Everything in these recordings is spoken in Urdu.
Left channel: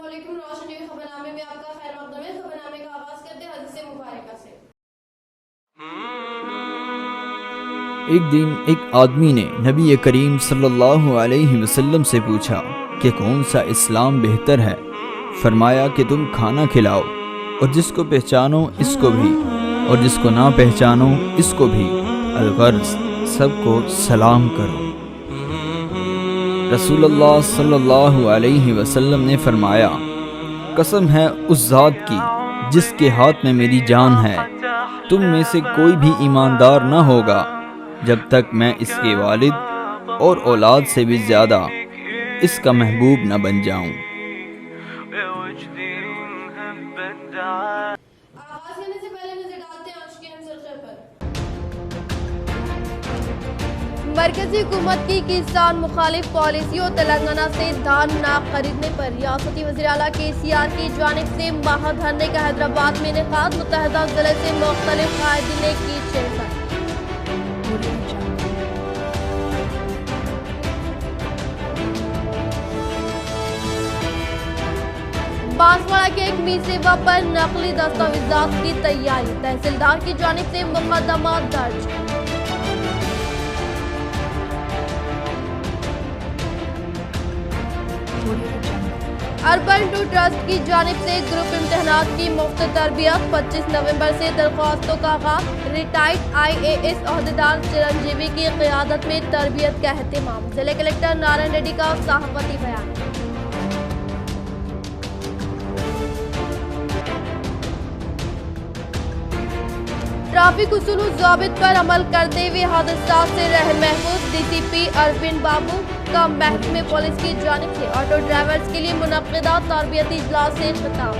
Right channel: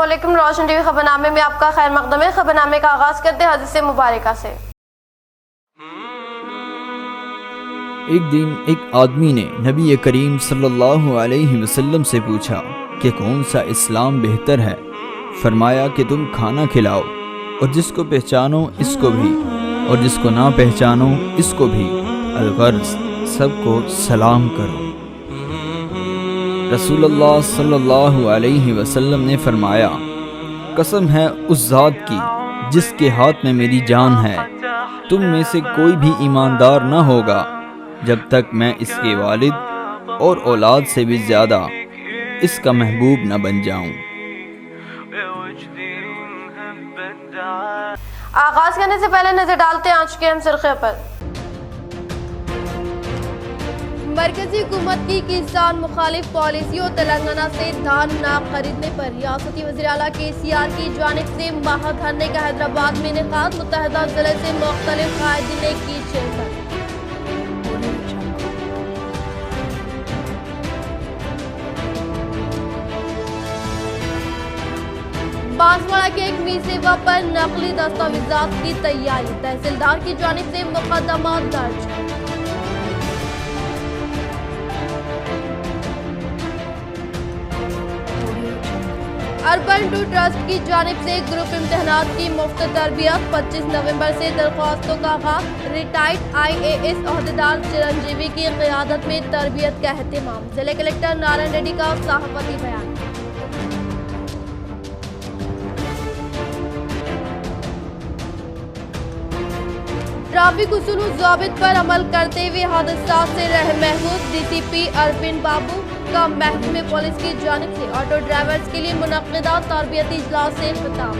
السلام علیکم، روشن ٹی وی خبرنامے میں آپ کا خیر مقدم ہے۔ خبرنامے کا آغاز کرتے ہیں حدیث مبارکہ سے۔ ایک دن ایک آدمی نے نبی کریم صلی اللہ علیہ وسلم سے پوچھا کہ کون سا اسلام بہتر ہے؟ فرمایا کہ تم کھانا کھلاؤ اور جس کو پہچانو اس کو بھی اور جس کو نہ پہچانو اس کو بھی، الغرض سب کو سلام کرو۔ رسول اللہ صلی اللہ علیہ وسلم نے فرمایا، قسم ہے اس ذات کی جس کے ہاتھ میں میری جان ہے، تم میں سے کوئی بھی ایماندار نہ ہوگا جب تک میں اس کے والد اور اولاد سے بھی زیادہ اس کا محبوب نہ بن جاؤں۔ آغاز کرنے سے پہلے نظر ڈالتے ہیں آج کے اہم سرخے پر۔ مرکزی حکومت کی کسان مخالف پالیسیوں، تلنگانہ سے دھان نہ خریدنے پر ریاستی وزیراعلیٰ KCR کی جانب سے مہا دھرنے کا حیدرآباد میں انعقاد، متحدہ ضلع سے مختلف قائدین نے کی شرکت۔ بانسواڑہ کے ایک می سیوا پر نقلی دستاویزات کی تیاری، تحصیلدار کی جانب سے مقدمہ درج۔ اربن 2 ٹرسٹ کی جانب سے گروپ امتحانات کی مفت تربیت، 25 نومبر سے درخواستوں کا آغاز، ریٹائرڈ IAS عہدیدار چرنجیوی کی قیادت میں تربیت کا اہتمام، ضلع کلکٹر نارائن ریڈی کا صحافتی بیان۔ ٹریفک اصول و ضوابط پر عمل کرتے ہوئے حادثات سے رہے محفوظ، DCP اروند بابو کا محکمہ پولیس کی جانب سے آٹو ڈرائیورز کے لیے منعقدہ تربیتی اجلاس سے خطاب۔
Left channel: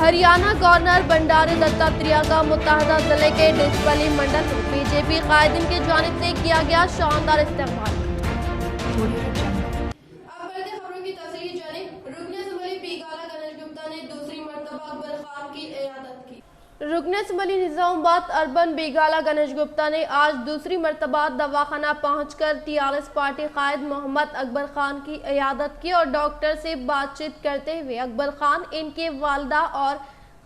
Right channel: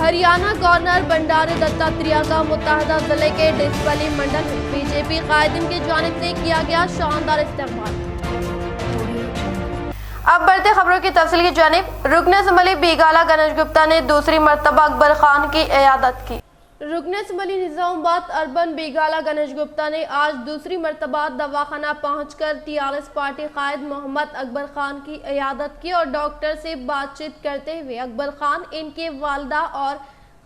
ہریانہ گورنر بنڈارو دتاتریہ کا متحدہ ضلع کے ڈسپلی منڈل میں BJP قائدین کی جانب سے کیا گیا شاندار استقبال۔ اب بڑھتے خبروں کی تفصیل کی جانب۔ رکن اسمبلی بیگالہ گنیش گپتا نے دوسری مرتبہ اکبر خان کی عیادت کی۔ رکن اسمبلی نظام آباد اربن بیگالہ گنیش گپتا نے آج دوسری مرتبہ دواخانہ پہنچ کر TRS پارٹی قائد محمد اکبر خان کی عیادت کی اور ڈاکٹر سے بات چیت کرتے ہوئے اکبر خان، ان کے والدہ اور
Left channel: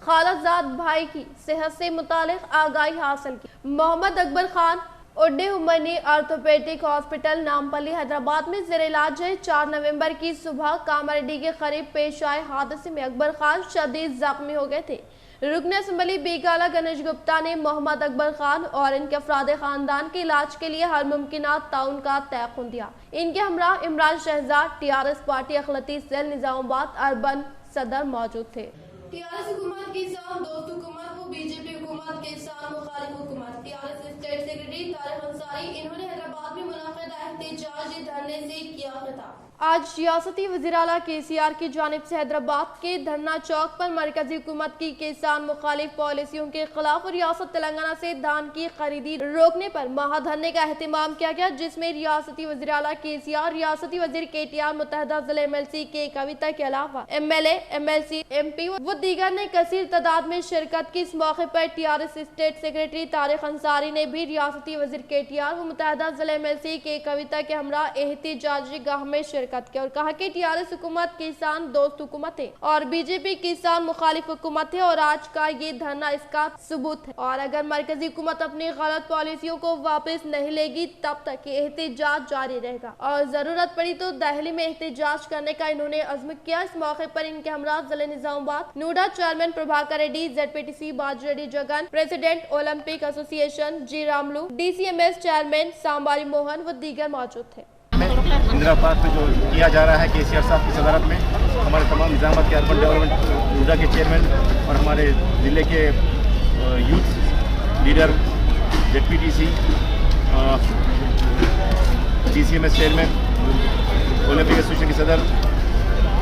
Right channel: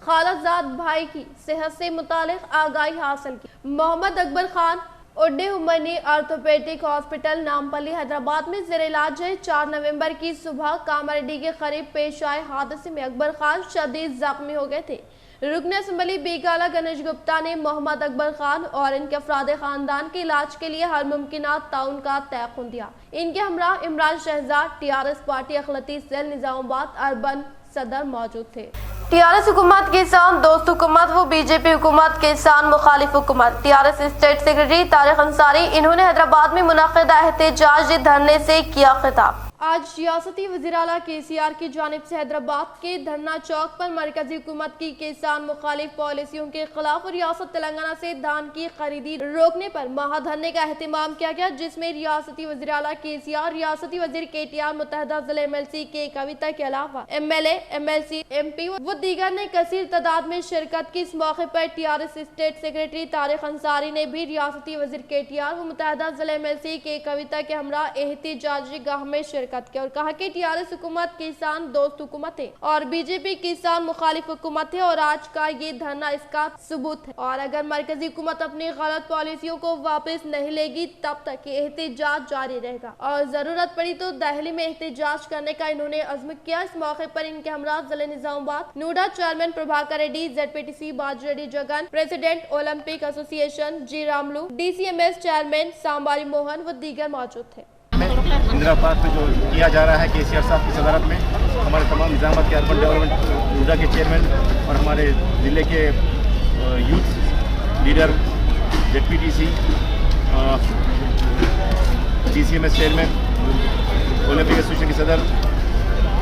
خالہ بھائی کی صحت سے متعلق آگاہی حاصل کی۔ محمد اکبر خان اوڈے عمرنی آرتھوپیڈک ہاسپٹل نامپلی حیدرآباد میں زیر علاج ہے۔ 4 نومبر کی صبح کاماریڈی کے قریب پیش آئے حادثے میں اکبر خان شدید زخمی ہو گئے تھے۔ رکن اسمبلی بیگالہ گنیش گپتا نے محمد اکبر خان اور ان کے افراد خاندان کے علاج کے لیے ہر ممکنہ تعاون کا تیقن دیا۔ ان کے ہمراہ عمران شہزاد، TRS پارٹی اقلیتی سیل نظام آباد اربن صدر موجود تھے۔ TRS حکومت کسان دوست حکومت و BJP حکومت کسان مخالف حکومت، TRS state secretary Tariq Ansari, انہوں نے حیدرآباد میں منعقدہ احتجاجی دھرنے سے کیا خطاب۔ آج ریاستی وزیراعلیٰ KCR کی جانب سے حیدرآباد کے دھرنا چوک پر مرکزی حکومت کی کسان مخالف پالیسیوں کے خلاف ریاست تلنگانہ سے دھان کی خریدی روکنے پر مہا دھرنے کا اہتمام کیا گیا، جس میں ریاستی وزیراعلیٰ KCR، ریاستی وزیر KTR، متحدہ ضلع MLC کے کویتا کے علاوہ MLA، MLC، MP و دیگر نے کثیر تعداد میں شرکت کی۔ اس موقع پر TRS state secretary Tariq Ansari نے بھی ریاستی وزیر KTR و متحدہ ضلع MLC کے کویتا کے ہمراہ احتجاجی گاہ میں شرکت کی اور کہا کہ TRS حکومت کسان دوست حکومت ہے اور BJP کسان مخالف حکومت ہے اور آج کا یہ دھرنا اس کا ثبوت ہے، اور اگر مرکزی حکومت اپنی غلط پالیسیوں کو واپس نہیں لے گی تب تک یہ احتجاج جاری رہے گا اور ضرورت پڑی تو دہلی میں احتجاج کرنے کا انہوں نے عزم کیا۔ اس موقع پر ان کے ہمراہ ضلع Nizamabad NUDA chairman Prabhakar Reddy, ZPTC Baju Reddy Jagan, president Olympic association G Ramulu, DCMS chairman Sambari Mohan و دیگر موجود تھے۔ اندرا پارک میں جو کیا جا رہا ہے KCR صاحب کی صدارت میں، ہمارے تمام نظامات کے اربن ڈیولپمنٹ نوڈا کے چیئرمین اور ہمارے ضلع کے youth leader ZPTC، DCMS chairman, Olympic association کے صدر،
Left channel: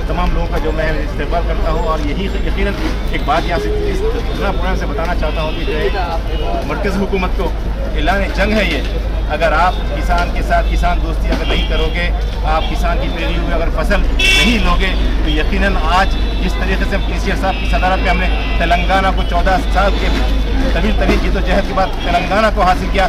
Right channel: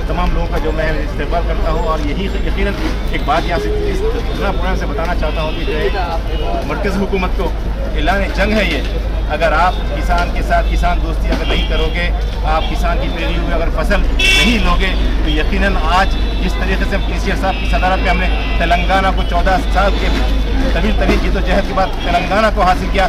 تمام لوگوں کا جو میں استقبال کرتا ہوں اور یہی یقیناً ایک بات یہاں سے اس پروگرام سے بتانا چاہتا ہوں کہ جو ہے مرکزی حکومت کو اعلان جنگ ہے یہ۔ اگر آپ کسان کے ساتھ کسان دوستی اگر نہیں کرو گے، آپ کسان کی پیروی میں اگر فصل نہیں لوگے تو یقیناً آج جس طریقے سے KCR صاحب کی صدارت میں ہم نے تلنگانہ کو 14 سال کے طویل ترین جدوجہد کے بعد تلنگانہ کو حاصل کیا،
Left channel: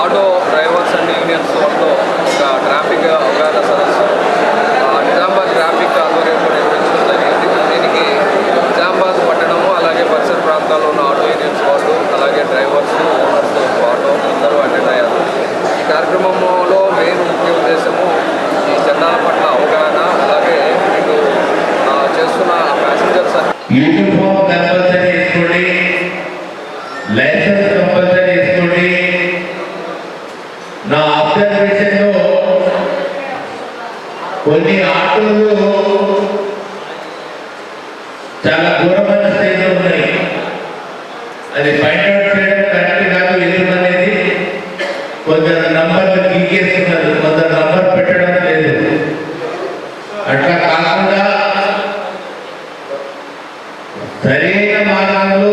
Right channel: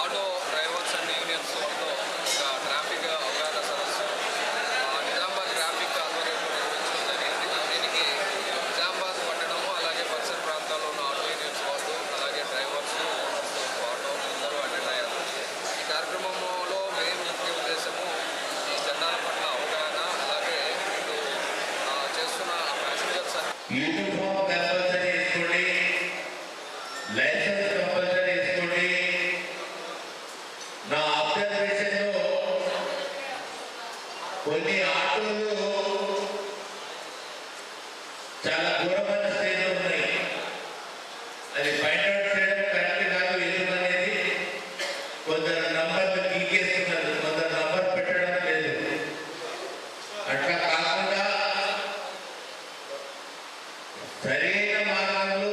ఆటో డ్రైవర్స్ అండ్ యూనియన్స్ వాళ్ళతో ఒక ట్రాఫిక్ అవగాహన సదస్సు నిజామాబాద్ ట్రాఫిక్ ఆధ్వర్యంలో నిర్వహించడం జరిగింది. దీనికి నిజామాబాద్ పట్టణము అలాగే పరిసర ప్రాంతాల్లో ఉన్న ఆటో యూనియన్స్ వాళ్ళు అలాగే డ్రైవర్స్, ఓనర్స్ ఆటో అందరూ అటెండ్ అయ్యారు. ఈ కార్యక్రమంలో మెయిన్ ముఖ్య ఉద్దేశము ఈ చట్టాల పట్ల అవగాహన అలాగే ఇటు చేస్తున్న ప్యాసింజర్స్ లైసెన్స్ కంపల్సరీ ఇస్తుంది. నా అబ్జర్వేషన్లో కొన్ని ఆటోలు చాలా ఘోరమైన స్థితిలో ఉన్నాయి. అది ఫైండ్ అవుట్ చేయడం కరెక్ట్ కాదు. ఎందుకనేది కొందరు నంబర్లు గీకేస్తున్నారు, కొందరు నంబర్ పెట్టడం లేదు. అట్లా కాకుండా సరైన మార్గంలో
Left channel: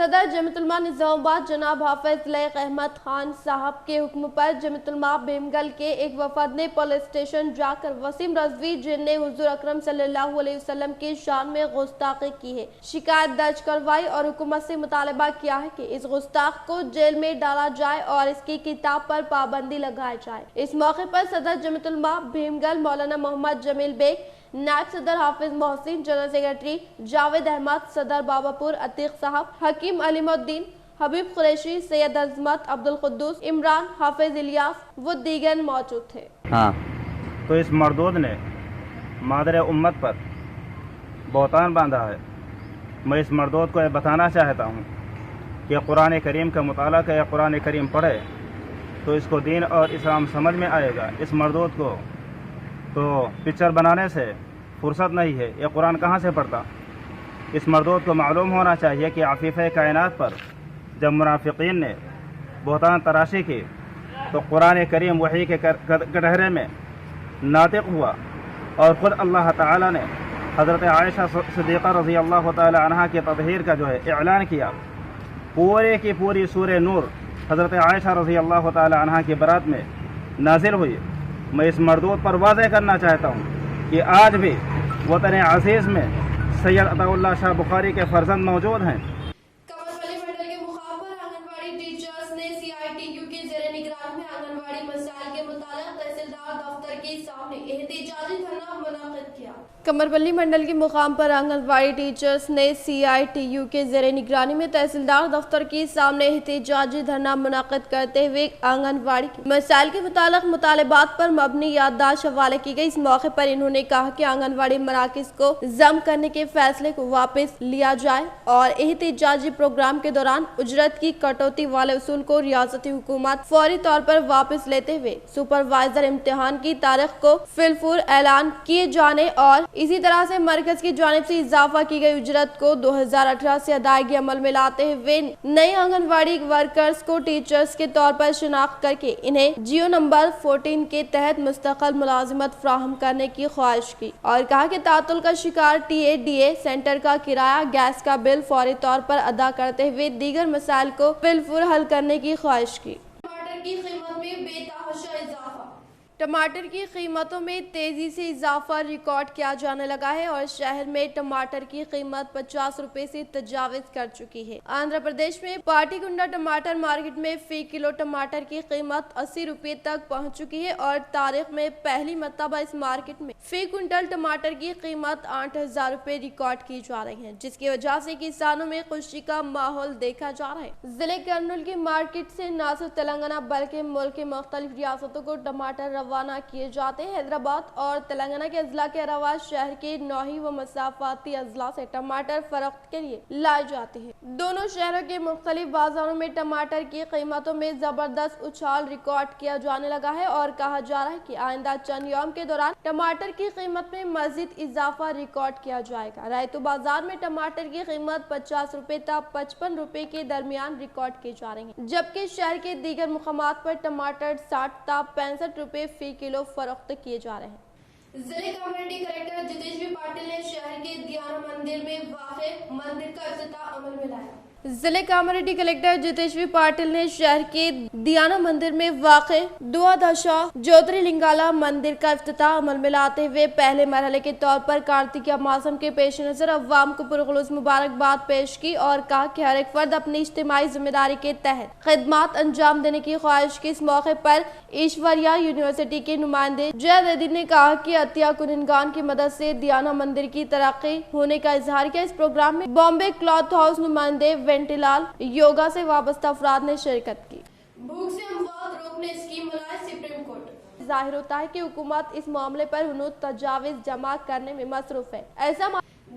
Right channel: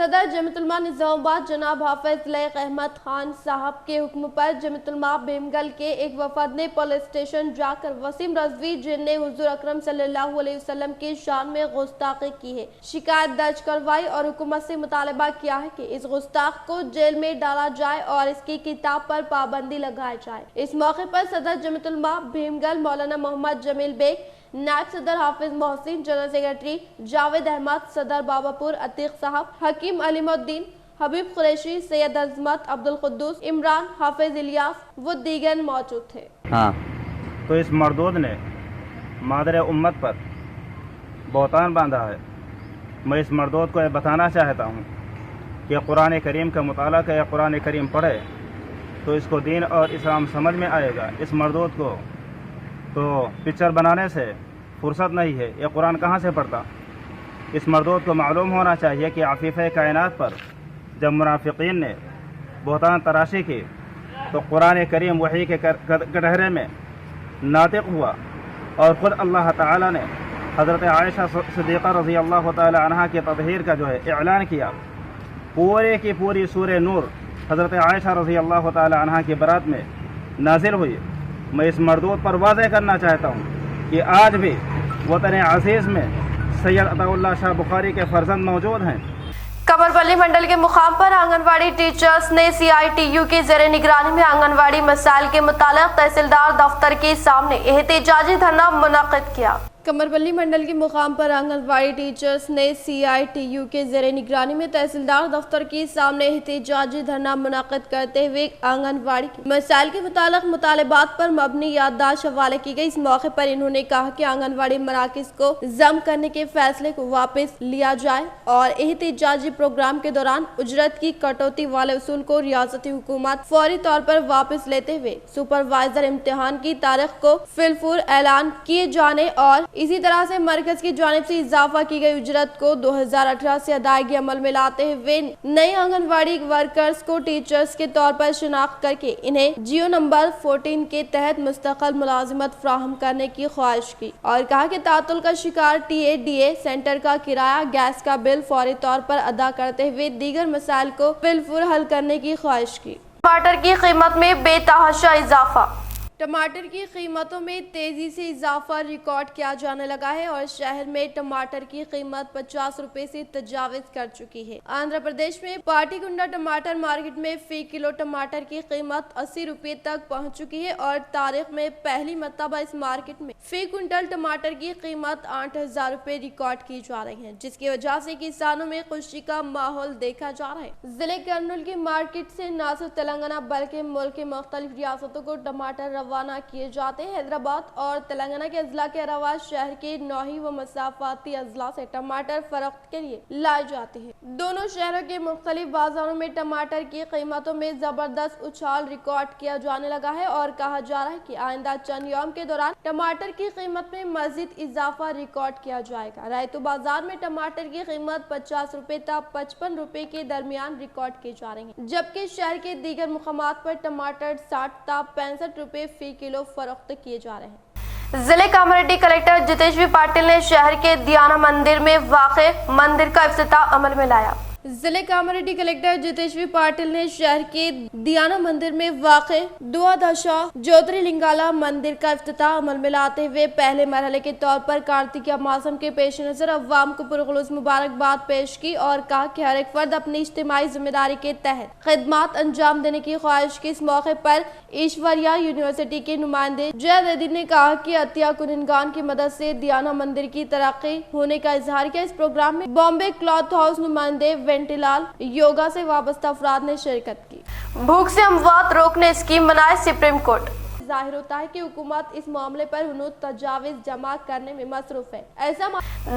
صدر جمعیت علماء نظام آباد جناب حافظ لیق احمد خان صاحب کے حکم پر جمعیت علماء بھیمگل کے ایک وفد نے پولیس اسٹیشن جا کر وسیم رضوی جن نے حضور اکرم صلی اللہ علیہ وسلم کی شان میں گستاخی کی ہے شکایت درج کروائی اور حکومت سے مطالبہ کیا ہے کہ اس گستاخ کو جیل میں ڈالا جائے اور اس کی کتاب پر پابندی لگائی جائے۔ اس موقع پر صدر جمعیت علماء بھیمگل مولانا محمد جمیل بیگ، نائب صدر حافظ محسن، جنرل سیکرٹری جاوید احمد، صدر باباپور عتیق صاحب، حکیم علیم الدین، حبیب قریشی، سید عظمت، عبد القدوس، عمران، حافظ الیاس و دیگر موجود تھے۔ تو اس مردود نے مادر امت پر بہتان باندھا ہے۔ میں اس مردود کو یہ بتانا چاہتا ہوں کہ قرآن کریم کا مطالعہ کہ قرآن کریم پڑھے تو اس کو دین اور اسلام سمجھ میں آئے گا۔ اس مردود کو تو پکچر بنانے سے فرصت نہیں ہے، یہ قرآن کہاں سے پڑھتا؟ اس مردود کو معلوم ہونا چاہیے کہ عفیفہ کائنات پر جب منافقین نے بہتان تراشی کی تو قرآن کریم وحی کے کٹہرے میں ناطق ہوا اور خود اللہ تعالی نے حضرت عائشہ صدیقہ رضی اللہ تعالی عنہا کے تطہیر کا جو ہے اعلان کیا۔ پورے کی پوری سورہ نور حضرت عائشہ رضی اللہ تعالی عنہا کی برات میں نازل ہوئی۔ میں اس مردود پر واضح کرنا چاہتا ہوں کہ آج بھی وطن عزیز میں سید عطا اللہ شاہ بخاری کے فرزند موجود ہیں۔ کمربلی منڈل کے مقام پر آنگن واڑی ٹیچرز نے CITU کے زیر نگرانی میں آنگن واڑی مسائل کے متعلق تحصیلدار دفتر کے سامنے احتجاجی دھرنا منعقد کیا۔ کمربلی منڈل کے مقام پر آنگن واڑی ٹیچرز نے CITU کے زیر نگرانی میں تحصیلدار دفتر کے سامنے احتجاجی دھرنا منعقد کرتے ہوئے آنگن واڑی کے مسائل کے متعلق مطالبات پر مبنی یادداشت حوالے کی گئی۔ اس موقع پر انہوں نے کہا کہ آنگن واڑی مراکز کو ضم کرنے کے فیصلے کو واپس لیا جائے اور احتجاجی پروگرام کے دوران اجرت کی کٹوتی والے اصول کو ریاستی حکومت فوری طور پر واپس لیتے ہوئے سپروائزر امتحان کی تاریخ کو فی الفور اعلان کیے جانے اور اسی طرح سے مرکز کی جانب سے اضافہ کی گئی اجرت کو 2018 سے ادائیگی عمل میں لاتے ہوئے نئے آنگن واڑی ورکرز کو ٹیچرز کے طور پر شناخت کر کے انہیں جیو نمبر 14 کے تحت مستقل ملازمت فراہم کرنے کی خواہش کی اور کہا کہ تعطل کا شکار TADA سینٹر کا کرایہ، گیس کا بل فوری طور پر ادا کرتے ہوئے دیگر مسائل کو فی الفور حل کرنے کی خواہش کی۔ ٹماٹر کی قیمت میں بے تحاشا اضافہ۔ ٹماٹر کی قیمتوں میں تیزی سے اضافہ ریکارڈ کیا جانے لگا ہے اور شہر میں ٹماٹر کی قیمت 50 روپے سے تجاوز کر چکی ہے۔ آندھرا پردیش میں پاٹی کنڈا ٹماٹر مارکیٹ میں فی کلو ٹماٹر کی قیمت 80 روپے تک پہنچ چکی ہے اور تاریخ میں پہلی مرتبہ اس مارکیٹ میں فی کنٹل ٹماٹر کی قیمت 8000 روپے ریکارڈ کی جا رہی ہے، جس کی وجہ سے کسانوں میں خوشی کا ماحول دیکھا جا رہا ہے۔ ضلع کرنول کی مارکیٹ سے نہ صرف تلنگانہ بلکہ ملک کے مختلف ریاستوں کو ٹماٹر روانہ کیے جاتے ہیں۔ حیدرآباد اور تلنگانہ کے اضلاع کے علاوہ شہر کے نوحی و مسافاتی اضلاع سے ٹماٹر فروخت کے لیے لائے جاتے ہیں۔ دونوں شہروں کے مختلف بازاروں میں ٹماٹر کی قیمتوں میں زبردست اچھال ریکارڈ کیا جانے لگا ہے اور کہا جا رہا ہے کہ آئندہ چند یوم کے دوران ٹماٹر کی قیمت میں مزید اضافہ ریکارڈ کیا جائے گا۔ ریتو بازار میں ٹماٹر کی قیمت 50 روپے تا 55 روپے کے درمیان ریکارڈ کی جا رہی ہے، جبکہ شہر کے دیگر مقامات پر ٹماٹر 60 تا 65 روپے فی کلو فروخت کیے جا رہے ہیں۔ ضلع کامریڈی کلیکٹر جتیش پاٹل نے شہر کے دیانہ مندر میں واقع مندر کا افتتاح عمل میں لایا۔ ضلع کامریڈی کلیکٹر جتیش پاٹل نے شہر کے دیانہ مندر میں واقع دوادشا جوتری لنگالا مندر کا افتتاح عمل میں لاتے ہوئے پہلے مرحلے کے طور پر کارتکیہ موسم کے پیش نظر عوام کو پرخلوص مبارکباد پیش کی اور کہا کہ ہر ایک فرد اپنی اجتماعی ذمہ داری کے تحت خدمات انجام دینے کی خواہش کی۔ اس موقع پر ایشوریا یونیورسٹی کے نمائندے جے ریڈی نے کہا کہ عطیہ کنندگان کی مدد سے دیانہ مندر کی ترقی ہونے کا اظہار کیا۔ اس پروگرام میں بامبے کلاتھ ہاؤس نمائندے وینٹی لال، یوگا سے وابستہ افراد نے شرکت کی۔ بھوک سے اموات روکنے اسکیم بنائے سپریم کورٹ۔ ظاہر ہوتا ہے کہ حکومت اس معاملے پر ہنوز تجاویز جمع کرنے میں مصروف ہے۔ ایسا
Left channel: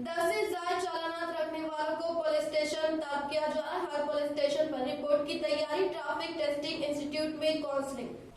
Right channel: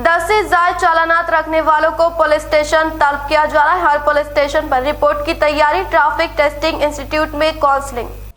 10 سے زائد چالانات رکھنے والوں کو پولیس اسٹیشن طلب کیا جا رہا ہے۔ ہر پولیس اسٹیشن پر رپورٹ کی تیاری، ٹریفک ٹیسٹنگ انسٹی ٹیوٹ میں کاؤنسلنگ۔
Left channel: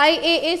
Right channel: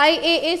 IAS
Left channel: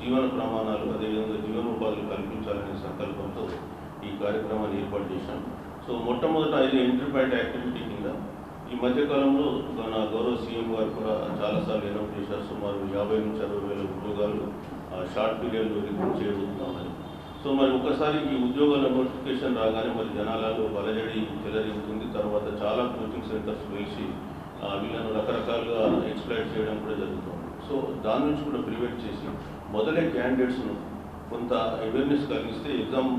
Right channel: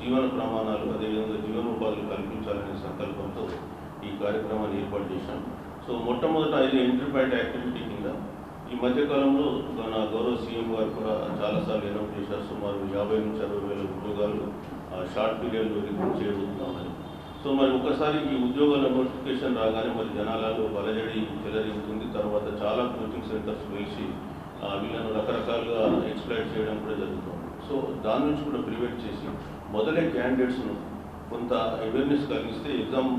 జీవన ప్రమాణాలు అదేవిధంగా జీవనోపాధులు కల్పించాలనే సంకల్పంతో ఈ కార్యక్రమాన్ని ఏర్పాటు చేశాం. సో మొట్టమొదట ఇది ఎంట్రీ పాయింట్ యాక్టివిటీ కింద ఈ మధ్యకాలంలో మన గౌరవ సీఎం గారు కూడా చాలాసార్లు అనౌన్స్ చేశారు. సుమారు 50 నుంచి 60 వేల ఉద్యోగాలు షార్ట్ పీరియడ్లో రిక్రూట్ చేయబోతున్నామని. సో మరి ఒకసారి ఈ ఉద్యోగాల నోటిఫికేషన్ రాగానే మరి జనాలలో బలజడి చెలరేగుతుంది. తర్వాత చాలా కోచింగ్ సెంటర్స్ వేసి వీళ్ళను రకరకాలుగా ఎక్స్ప్లైట్ చేయడం కూడా జరుగుతుంది. సో దాని నుంచి కూడా ప్రివెంట్ చేసి మొదలే క్యాండిడేట్స్ను కొంత అవేర్నెస్ కలిగిస్తే ఎగ్జామ్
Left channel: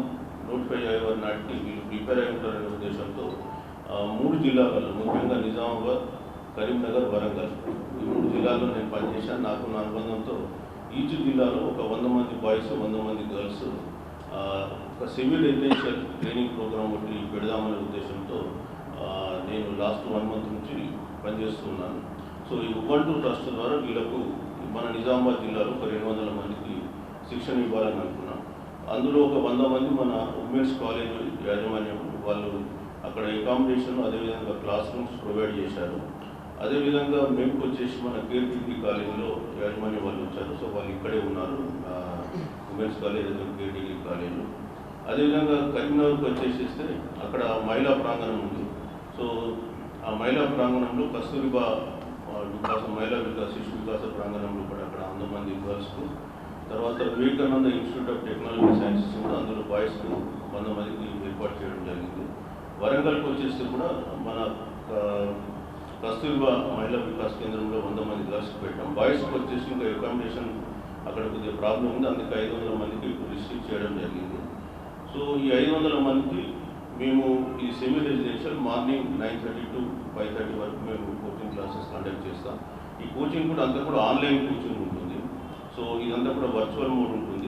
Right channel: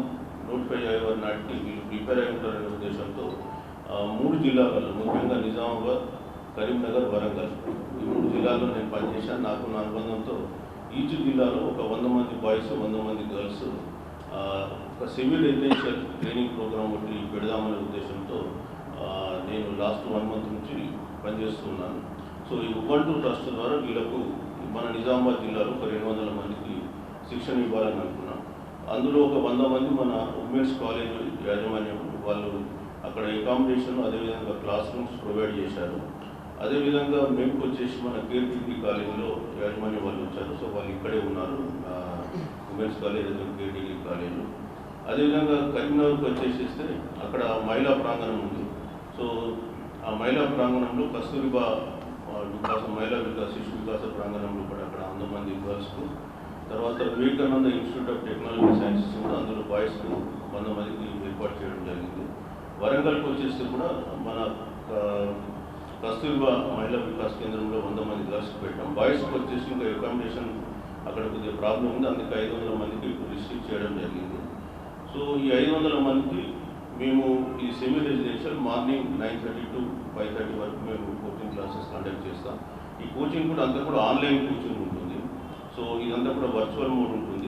నోటిఫై అయ్యే నాటికి వీళ్ళు ప్రిపేర్ అయి ఉంటారనే ఉద్దేశంతో 3 జిల్లాలలో ముఖ్యంగా నిజామాబాద్, కరీంనగర్, వరంగల్ ఈ 3 జిల్లాల్లో నేను పనిచేశాను. నాకు నా అనుబంధంతో ఈచ్ జిల్లాలో ఒక 100 మంది బాయ్స్, 100 మంది గర్ల్స్ ఒక సివిల్ రెసిడెన్షియల్ ట్రైనింగ్ ప్రోగ్రామ్ ఒకటి పెడదామనే ఉద్దేశంతో నేను లాస్ట్ 1 మంత్ నుంచి పనిచేస్తున్నాను. సో ఈ ఉబంటు ట్రస్ట్ ద్వారా వీళ్ళకు మన నిజామాబాద్ జిల్లాలో ఒక 200 మందికి శిక్షణ ఇవ్వాలని అనుకున్నాం. అందులో ఒక 100 మంది మన ఉమెన్స్ కాలేజ్ యాజమాన్యం వాళ్ళు అక్కడ అకామిడేషన్ అదేవిధంగా క్లాస్ రూమ్స్ ప్రొవైడ్ చేశారు. అదేవిధంగా మేము వచ్చేసి మన కేర్ డిగ్రీ కాలేజీలో యాజమాన్యం వాళ్ళు వచ్చారు. సో వాళ్ళు ఇక్కడే ఉన్నారు, women's college care degree college. అదేవిధంగా కరీంనగర్కి వచ్చేసేస్తే అక్కడ మహిళా ప్రాంగణం ఉంది. సో ఆ మహిళా ప్రాంగణంలో కస్తూరిబా మహిళా వికాస శిశు వికాస ప్రాంగణంలో కూడా అక్కడ 100 మంది గర్ల్స్కు, తర్వాత Vivekananda institute of technology sciences కూడా అందులో బాయ్స్కు 100 మందికి ఏర్పాటు చేయడం జరిగింది. వరంగల్కి వచ్చేస్తే కూడా మన కస్తూరిబా మహిళా వికాస్ కేంద్రంలో 100 మంది గర్ల్స్కి పెట్టాం. బాయ్స్కి వచ్చేసి ఇంకా అకామిడేషన్ అక్కడ కొద్దిగా ప్రాబ్లం ఉంది, అందుకే 500 మందికి రిస్ట్రిక్ట్ చేయడం జరిగింది. సో ఈ 500 మందికి మేము ఈ సెమీ రెసిడెన్షియల్ మార్నింగ్ 9:30 to 5:30 వరకు మేము కోచింగ్ క్లాసెస్ కండక్ట్ చేస్తాం. ఈ కోచింగ్ కూడా అంతా కూడా ఆన్లైన్ కోచింగ్ ఉంటుంది. సో ఇదంతా కూడా వర్చువల్ మోడ్ ఉంటుంది.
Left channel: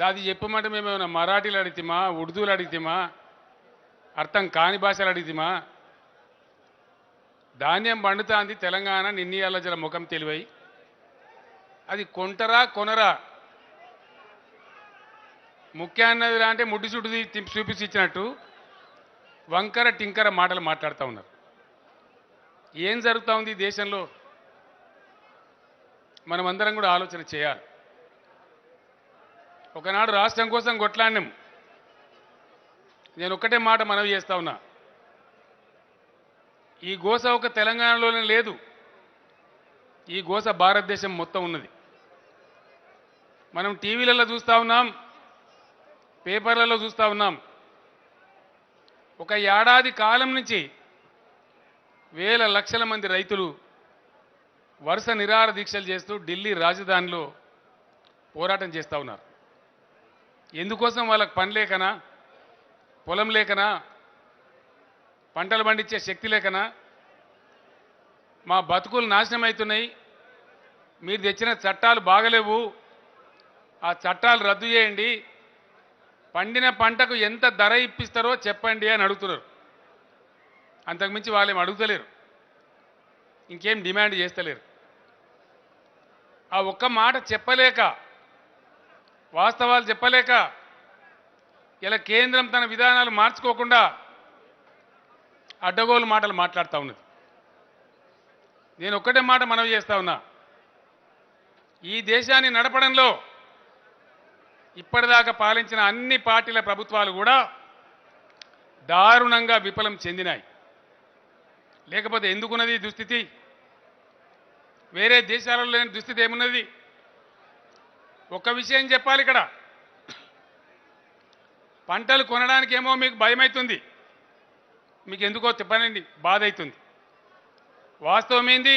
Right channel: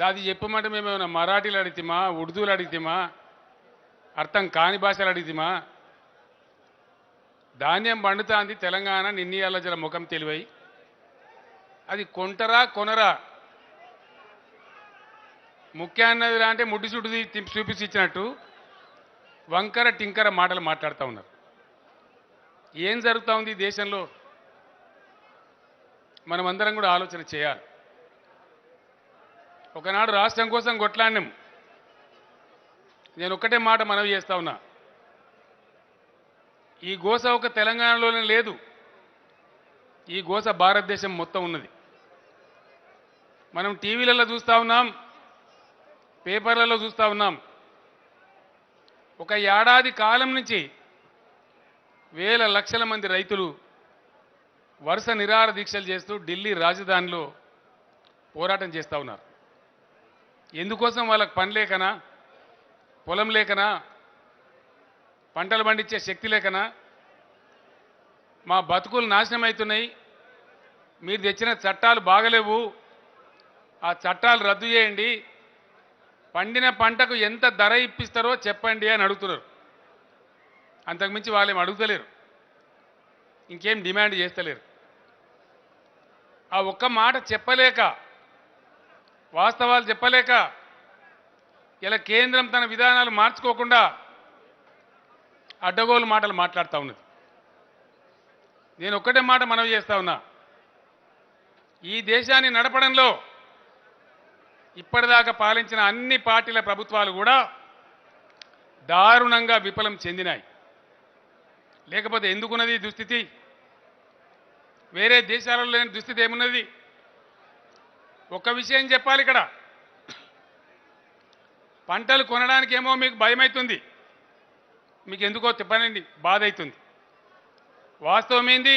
దాది చెప్పమంటే మేము ఏమైనా మరాఠీలు అడిగితేమా, ఉర్దూలు అడిగితేమా, అర్థం కాని భాషలు అడిగితేమా? ధాన్యం పండుతాంది తెలంగాణ నిన్నీయాల జర ముఖం తెలివై అది కొంటరా కొనరా ముఖ్య అన్నదిరా అంటే ముడ్డిసుడిది చూపించి ఇచ్చినట్టు వంకర టింకర మాటలు మాట్లాడుతూ ఉన్నారు. ఏం జరుగుతూ ఉంది దేశంలో మనమందరం కూడా ఆలోచన చేయాలి. ఒకనాడు రాష్ట్రం కోసం కొట్లాడినాం. నేను ఒక్కటే మాట మనవి చేస్తా ఉన్నా, ఈ గోస ఒక తెలంగాణలోనే లేదు, ఈ గోస భారతదేశం మొత్తం ఉన్నది. మనం టీవీలలో చూస్తూ ఉన్నాం, పేపర్లలో చూస్తూ ఉన్నాం. ఒక ఏడాది కాలం నుంచి వేల లక్షల మంది రైతులు వరుస నిరాహార దీక్షలు చేస్తూ ఢిల్లీ రాజధానిలో పోరాటం చేస్తూ ఉన్నారు. ఎందుకోసం? వాళ్ళకి పని లేకనా, పొలం లేకనా, పంటలు పండించే శక్తి లేకనా? మా బతుకులు నాశనం అవుతున్నాయి, మీరు తెచ్చిన చట్టాలు బాగలేవు, ఆ చట్టాలు రద్దు చేయండి, పండిన పంటకు ఎంత ధర ఇప్పిస్తారో చెప్పండి అని అడుగుతున్నారు. అంతకుమించి వాళ్ళేం అడుగుతలేరు, ఇంకేం డిమాండ్ చేస్తలేరు. ఆ ఒక్క మాట చెప్పలేక, వాస్తవాలు చెప్పలేక ఇలా కేంద్రం తన విధానాలు మార్చుకోకుండా అడ్డగోలు మాటలు మాట్లాడుతూ ఉన్నది. నేను ఒక్కటే మాట మనవి చేస్తా ఉన్నా, ఈ దేశాన్ని నడపడంలో ఇప్పటిదాకా పాలించిన అన్ని పార్టీల ప్రభుత్వాలు కూడా దారుణంగా విఫలం చెందినాయి. లేకపోతే ఎందుకున్నది ఈ దుస్థితి? వేరే దేశాలలో లేని దుస్థితి ఏమున్నది? ఒక్క విషయం చెప్పాలి, ఇక్కడ పంటలు కొనడానికేమో మీకు భయమవుతుంది, మీకు ఎందుకో చెప్పనండి బాధ అవుతుంది. వాస్తవం ఏంది?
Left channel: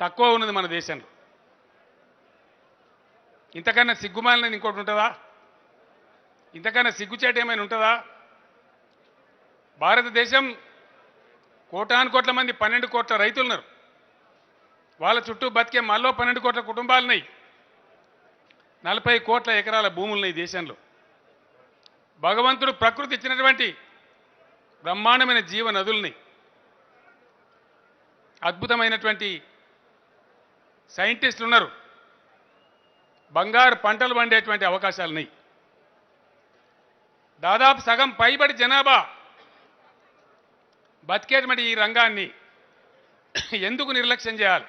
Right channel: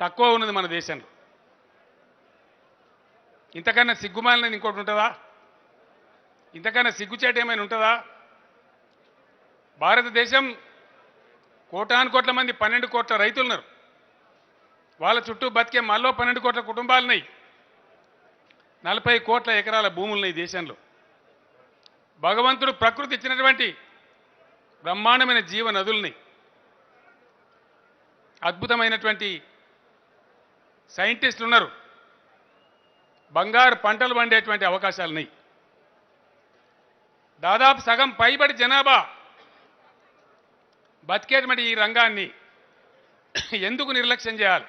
తక్కువ ఉన్నది మన దేశంలో. ఇంతకన్నా సిగ్గుమాలినది ఇంకోటి ఉంటుందా? ఇంతకన్నా సిగ్గుచేట ఏమైనా ఉంటుందా? భారతదేశం కోటాను కోట్ల మంది 12 కోట్ల రైతులు ఉన్నారు. వాళ్ళ చుట్టూ బతికే మళ్ళీ 12 కోట్ల కుటుంబాలున్నాయి. 40 కోట్ల ఎకరాల భూములున్నాయి దేశంలో. భగవంతుడు ప్రకృతి ఇచ్చినటువంటి బ్రహ్మాండమైన జీవ నదుల్ని, అద్భుతమైనటువంటి సైంటిస్టులు ఉన్నారు. బంగారు పంటలు పండేటువంటి అవకాశాలు ఉన్నాయి. దాదాపు సగం పైబడి జనాభా బతికేటువంటి ఈ రంగాన్ని ఎందుకు నిర్లక్ష్యం చేయాలి?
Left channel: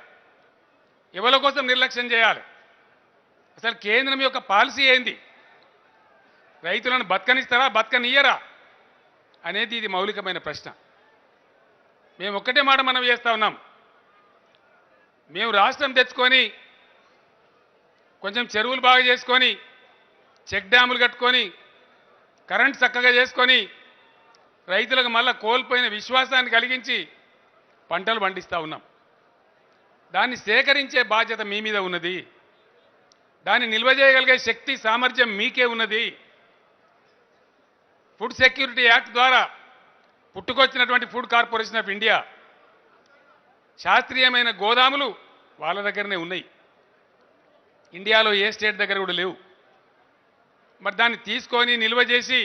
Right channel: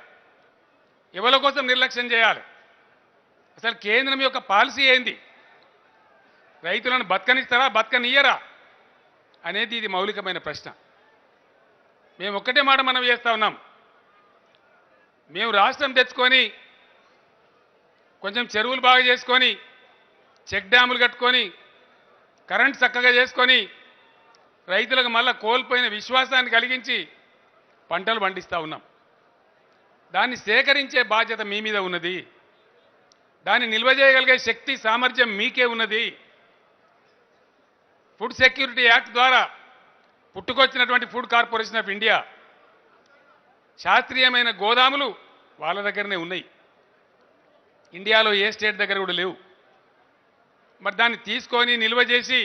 ఎవరి కోసం నిర్లక్ష్యం చేయాలి? అసలు కేంద్రం యొక్క పాలసీ ఏంది? రైతులను బతకనిస్తారా, బతకనియ్యరా అనేది ఇది మౌలికమైన ప్రశ్న. మేము ఒక్కటే మాట మనం చేస్తూ ఉన్నాం. మేము రాష్ట్రం తెచ్చుకొని కొంచెం చెరువులు బాగా చేసుకొని, చెక్ డ్యాములు కట్టుకొని, కరెంట్ చక్కగా చేసుకొని, రైతులకు మళ్ళా కోల్పోయిన విశ్వాసాన్ని కలిగించి పంటలు పండిస్తూ ఉన్నాం. దాన్ని సేకరించే బాధ్యత మీ మీద ఉన్నది. దాన్ని నిల్వ చేయగలిగే శక్తి సామర్థ్యం మీకే ఉన్నది. ఫుడ్ సెక్యూరిటీ యాక్ట్ ద్వారా పుట్టుకొచ్చినటువంటి ఫుడ్ కార్పొరేషన్ ఆఫ్ ఇండియా శాస్త్రీయమైన గోదాములు వాళ్ళ దగ్గరనే ఉన్నాయి. ఇండియాలో ఏ స్టేట్ దగ్గర కూడా లేవు. మరి దాన్ని తీసుకొని నిల్వ చేసి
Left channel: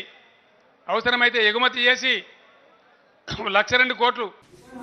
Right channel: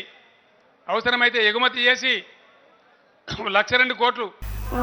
అవసరమైతే ఎగుమతి చేసి 1,02 కోట్లు.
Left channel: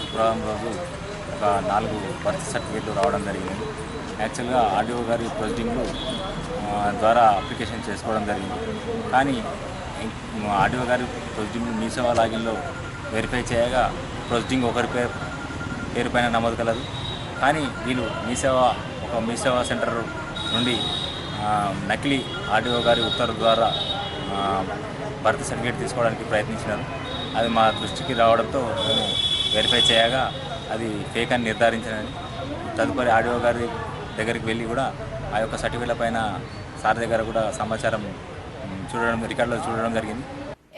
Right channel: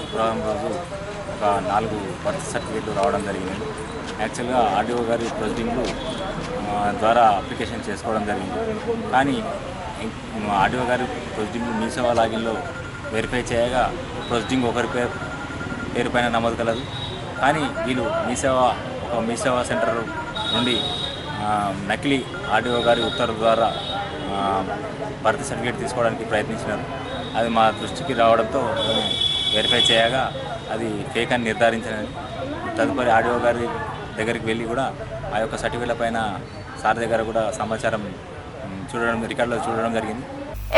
శుక్రవారం రోజు ఒక 4 బర్త్ సర్టిఫికేట్లు రావడం జరిగింది. యాక్చువల్గా ఆర్డీఓ గారి ప్రొసీడింగ్లు ద్వారా అప్లికేషన్ చేసుకోవడం జరిగింది. కానీ ఆర్డీఓ గారి ప్రొసీడింగ్లు మీ సేవా లాగిన్లో వెరిఫై చేయగా ప్రొసీడింగ్ ఒకరి పేరు పైన నమోదు కలదు. కానీ వీళ్ళు మీ సేవా సెంటర్ నుండి నకిలీ ఆర్డీఓ గారి ఉత్తర్వు ద్వారా బర్త్ సర్టిఫికేట్ తీసుకోవడానికి ప్రయత్నించినారు. అది మా దృష్టికి రావడంతో మేము వెరిఫై చేయగా అది ఫేక్ అని నిర్ధారించినది. తదుపరి ఆర్డీఓ గారి దగ్గరికి వెళ్ళి కూడా ఆ యొక్క సర్టిఫికేట్ల పైన సార్ దగ్గర కూడా సమాచారం రికార్డులో చూడడం జరిగింది.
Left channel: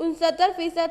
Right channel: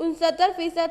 69%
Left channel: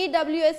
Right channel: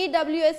EWS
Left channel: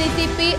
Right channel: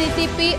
DCP